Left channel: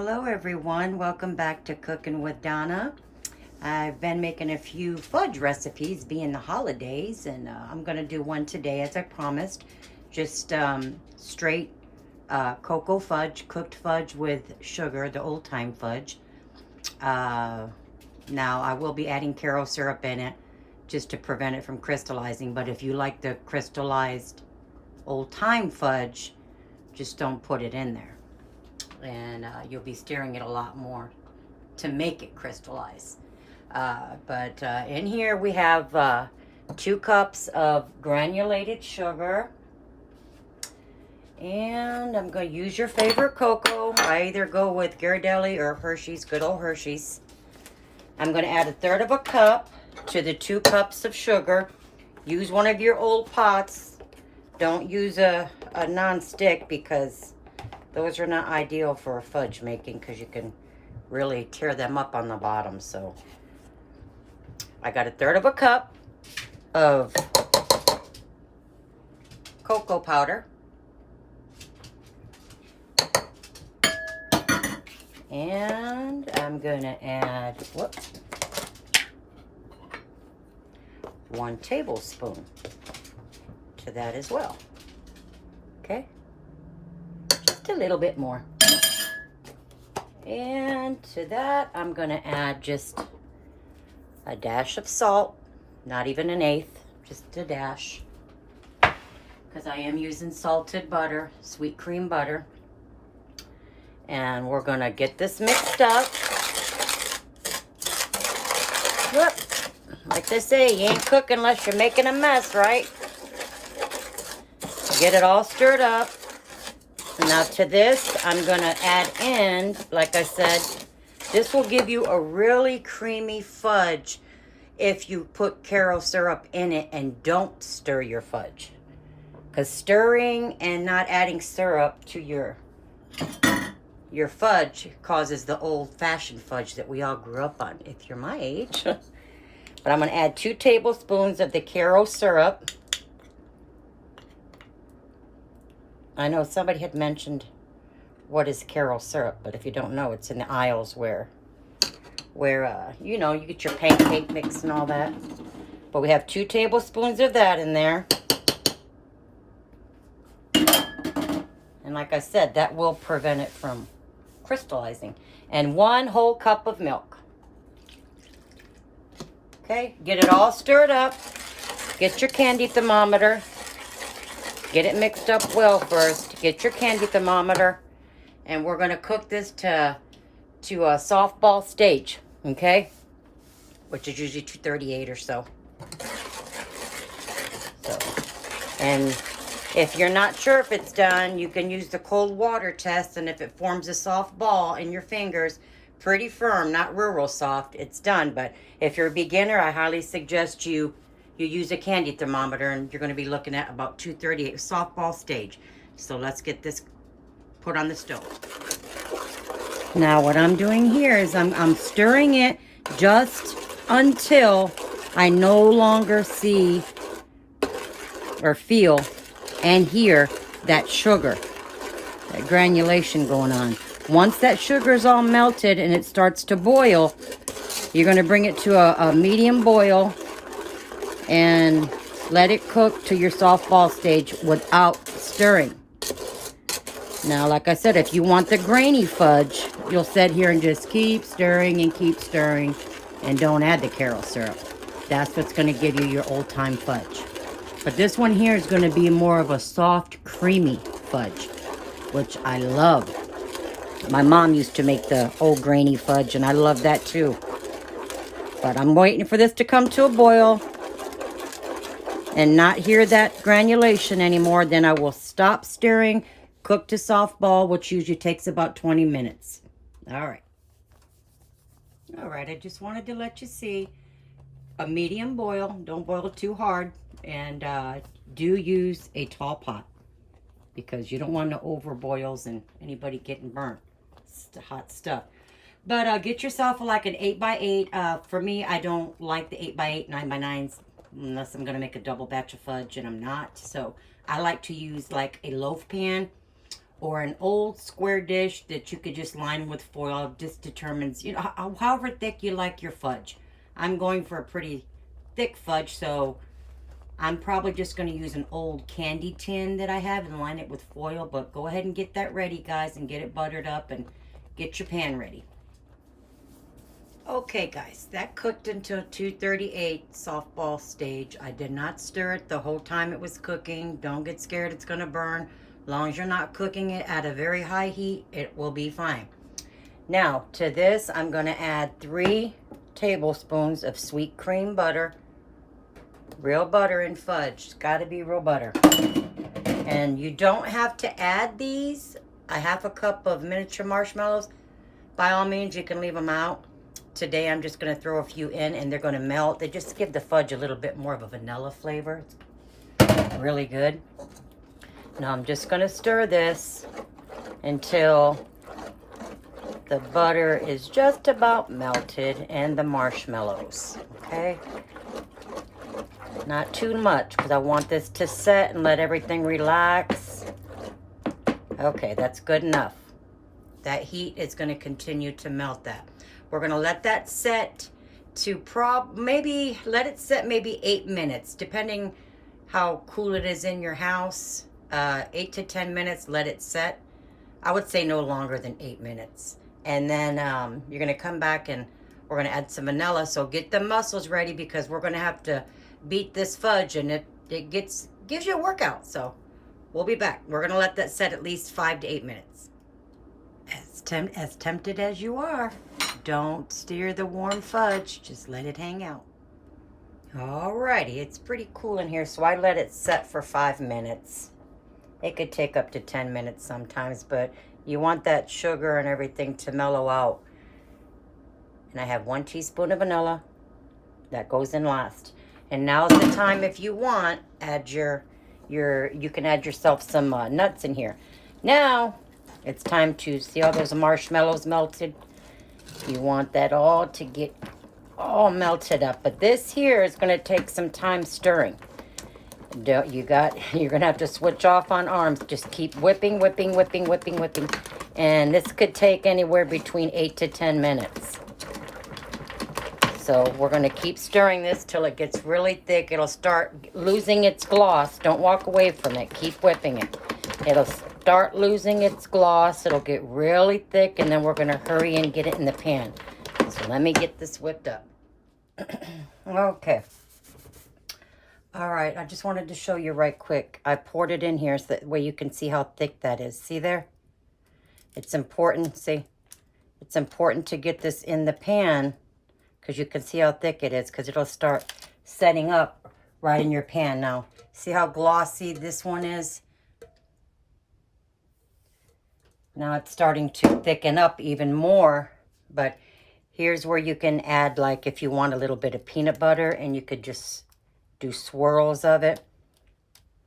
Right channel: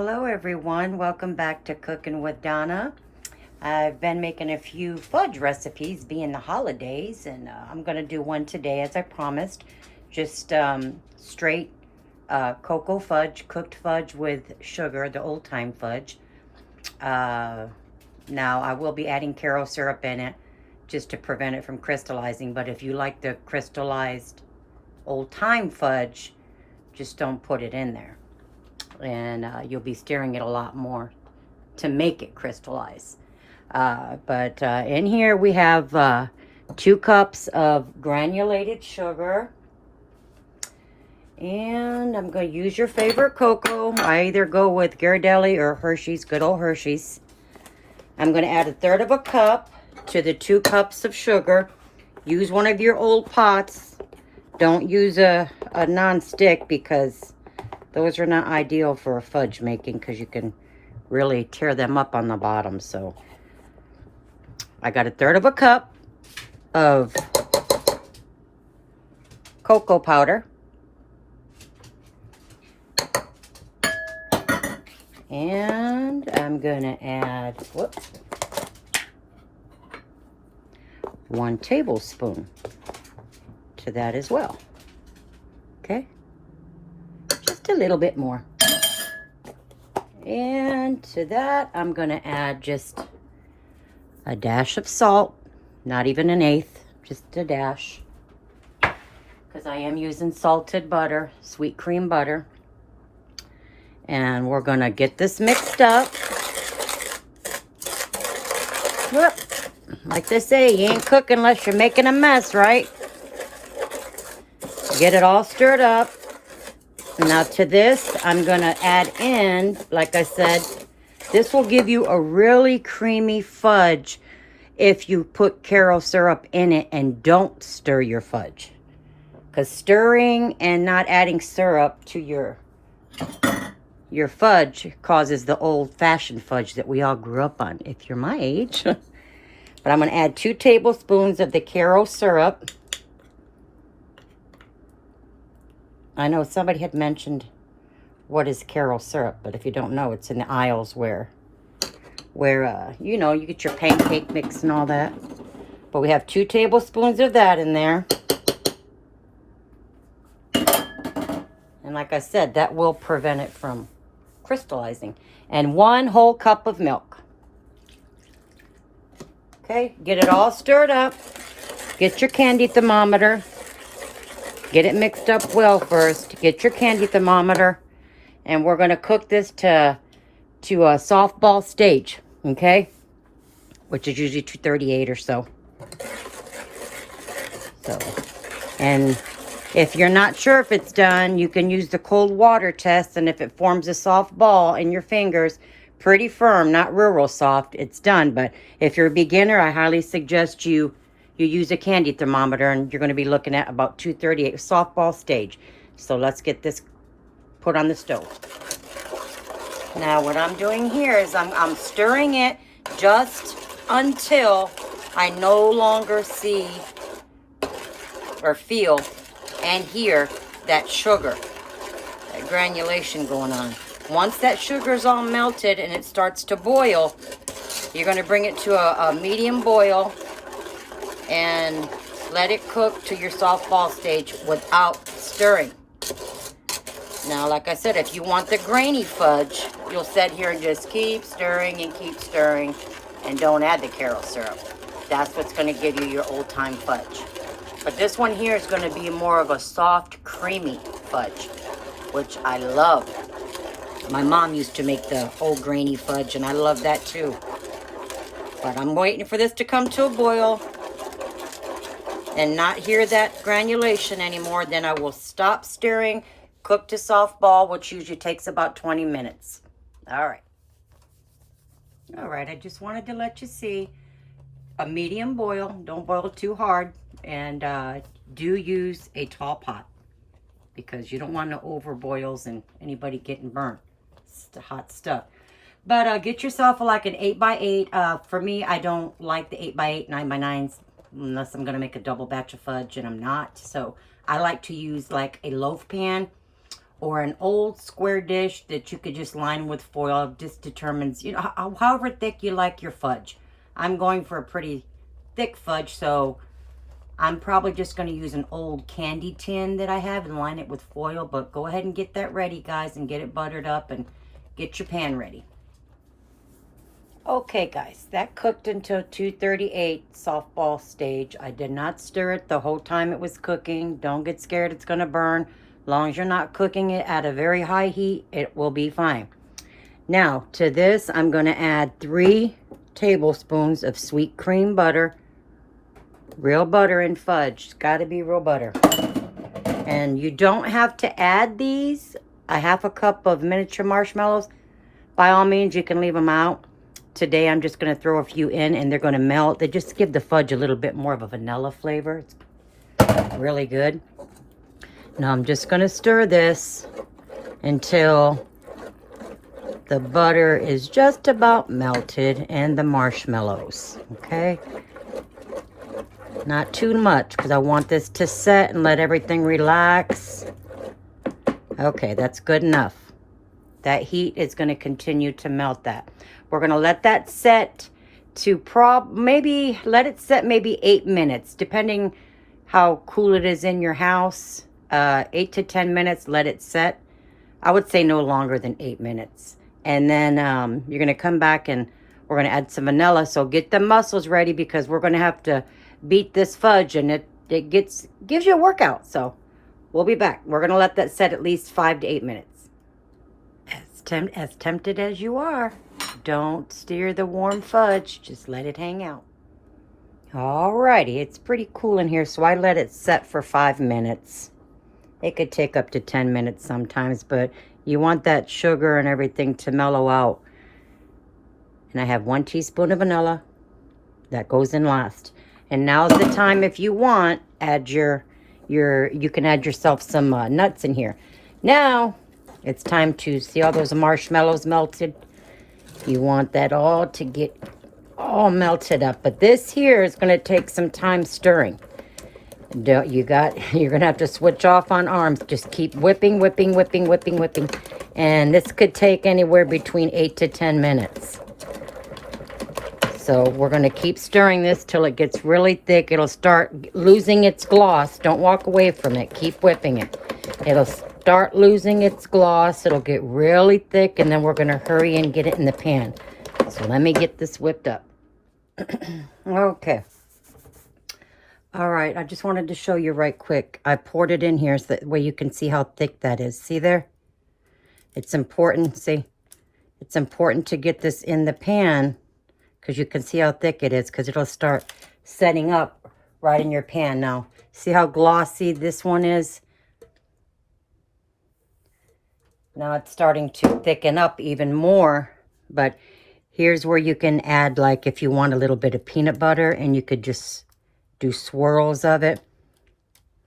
Hello everyone, welcome back to Cooking with Donna. I've been making a few fudge recipes being the holidays, and I'm going to do one today as I promised. Just straight cocoa fudge, cooked fudge with sugar, the old time fudge. Now I will be adding karo syrup in it just to prevent it from crystallizing, but if you like the crystallized old time fudge, just don't put it in there. And you'll be stirring it a lot more to make it crystallize. But in here we have 2 cups of granulated sugar. And I'm going to use your favorite cocoa. I either go with Ghirardelli or Hershey's, good old Hershey's. I'm going to add 1/3 of a cup to the 2 cups of sugar. Use one of your old pots. Don't use a non-stick because those are not ideal for a fudge making because you can really tear them up on the bottom. So I got 1/3 of a cup of cocoa powder. And I'm gonna add, 1 tablespoon to that as well. Okay? Just a little bit more. And to that, I'm gonna add just a dash of salt, not even 1/8, just a dash. Because I am using salted butter, sweet cream butter. And we're gonna get this mixed up. Whoop. Like they say, you ain't cooking unless you're making a mess, right? Get it all stirred up. Now to this, I'm gonna add in, like I said, this will give you a really creamy fudge if you put karo syrup in it and don't stir your fudge. Because stirring and not adding syrup to your fudge causes the old-fashioned fudge that we all grew up on, if you're my age. But I'm going to add 2 tablespoons of the karo syrup. I know somebody had mentioned what is karo syrup, but if you don't know, it's in the aisles where you know, you get your pancake mix and all that. But we have 2 tablespoons of that in there. And like I said, that will prevent it from crystallizing. And 1 whole cup of milk. Okay, get it all stirred up. Get your candy thermometer. Get it mixed up well first. Get your candy thermometer. And we're going to cook this to a softball stage, okay? Which is usually 238 or so. And if you're not sure if it's done, you can use the cold water test, and if it forms a soft ball in your fingers, pretty firm, not real soft, it's done. But if you're a beginner, I highly suggest you use a candy thermometer, and you're going to be looking at about 238, softball stage. So let's get this put on the stove. Now what I'm doing here is I'm stirring it just until I no longer see or feel and hear that sugar, that granulation going on. Once that sugar is all melted and it starts to boil, you're going to bring it to a medium boil and let it cook to your softball stage without stirring. Now, like I said, if you want the grainy fudge, you'll sit here and just keep stirring and don't add the karo syrup. That's what's going to give you your old-time fudge. But this one here is going to be more of a soft, creamy fudge, which I love. My mom used to make the old grainy fudge, and I love that too. But I'm waiting for this to come to a boil and not hear that granulation anymore. Then I will stop stirring, cook to softball, which usually takes about 20 minutes. All right. All right, I just wanted to let you see a medium boil. Don't boil it too hard. And do use a tall pot because you don't want no overboils and anybody getting burnt. It's the hot stuff. But get yourself like an 8x8. For me, I don't like the 8x8, 9x9s unless I'm going to make a double batch of fudge, and I'm not. So I like to use like a loaf pan or an old square dish that you could just line with foil. Just determines, you know, however thick you like your fudge. I'm going for a pretty thick fudge, so I'm probably just going to use an old candy tin that I have and line it with foil. But go ahead and get that ready, guys, and get it buttered up and get your pan ready. Okay, guys, that cooked until 238 softball stage. I did not stir it the whole time it was cooking. Don't get scared, it's going to burn. As long as you're not cooking it at a very high heat, it will be fine. Now, to this, I'm going to add 3 tablespoons of sweet cream butter. Real butter and fudge. It's got to be real butter. And you don't have to add these. A 1/2 cup of miniature marshmallows. By all means, you can leave them out. Today, I'm just going to throw a few in, and they're going to melt. They just give the fudge a little bit more of a vanilla flavor. It's really good. Now, I'm just going to stir this until the butter is just about melted and the marshmallows, okay? Not too much, because I want this to set and let everything relax. Okay, that's good enough. That heat is going to continue to melt that. We're going to let that set to maybe 8 minutes, depending how cool it is in your house. 8 to 10 minutes, let it set. I would say no longer than 8 minutes. And then you're going to come back and we're going to add some vanilla. So get the muscles ready, because we're going to have to beat this fudge, and it gives you a workout. So we'll be back. We're going to let that set at least 5 to 8 minutes. As tempted as you are, don't stir the warm fudge. Just let it hang out. Alrighty, it's pretty cool in here, so I let it set for 5 minutes. It could take up to 10 minutes sometimes, but you want that sugar and everything to mellow out. And I have 1 teaspoon of vanilla. That goes in last. And now's the time, if you want, add you can add yourself some nuts in here. Now, it's time to see all those marshmallows melted. You want that all to get all melted up. But this here is going to take some time stirring. You're going to have to switch off on arms. Just keep whipping. And this could take anywhere between 8 to 10 minutes. So we're going to keep stirring this till it gets really thick. It'll start losing its gloss. Don't walk away from it. Keep whipping it. It'll start losing its gloss. It'll get really thick, and then we're going to hurry and get it in the pan. So let me get this whipped up. Okay. All right, I just wanted to show you right quick. I poured it in here so that way you can see how thick that is. See there? It's important, see? It's important to get this in the pan, because you can see how thick it is, because it'll start setting up right in your pan. Now, see how glossy this one is? Now it's starting to thicken up even more, but here's where you can add, like, if you want a little bit of peanut butter, and you could just do swirls of it,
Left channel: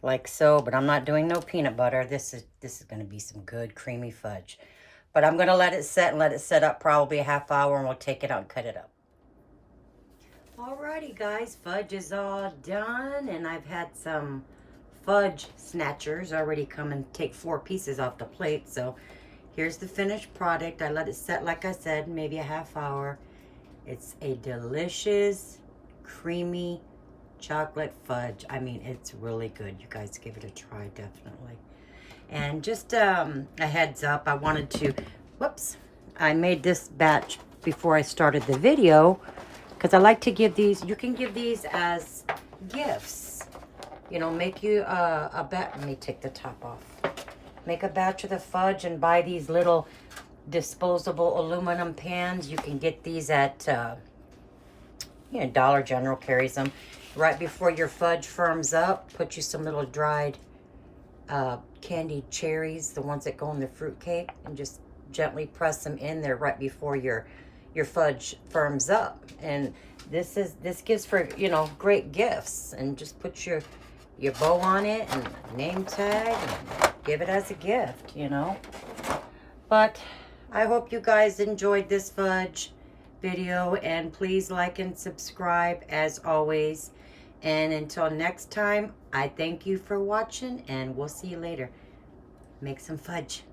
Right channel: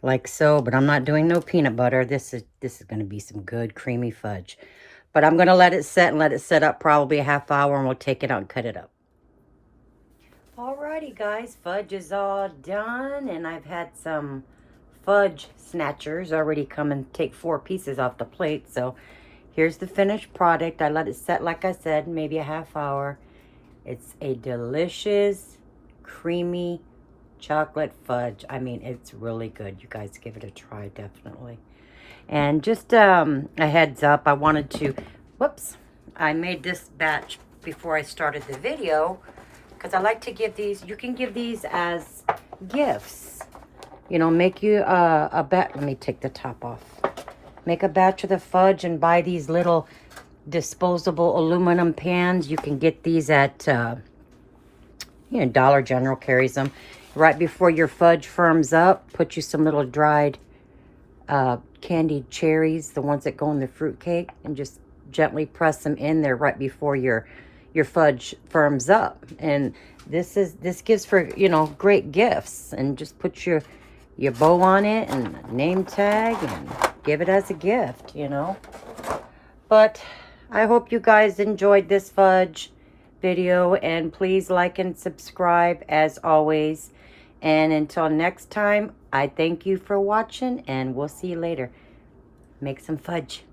like so. But I'm not doing no peanut butter. This is going to be some good creamy fudge. But I'm going to let it set and let it set up probably a half hour, and we'll take it out and cut it up. Alrighty, guys, fudge is all done, and I've had some fudge snatchers already come and take 4 pieces off the plate. So here's the finished product. I let it set, like I said, maybe a half hour. It's a delicious, creamy chocolate fudge. I mean, it's really good. You guys give it a try, definitely. And just a heads up, I wanted to, I made this batch before I started the video, because I like to give these, you can give these as gifts. You know, make you a batch. Let me take the top off. Make a batch of the fudge and buy these little disposable aluminum pans. You can get these at, Dollar General carries them. Right before your fudge firms up, put you some little dried candied cherries, the ones that go in the fruit cake, and just gently press them in there right before your fudge firms up. And this gives for, great gifts. And just put your bow on it and a name tag and give it as a gift, But I hope you guys enjoyed this fudge video, and please like and subscribe as always. And until next time, I thank you for watching, and we'll see you later. make some fudge.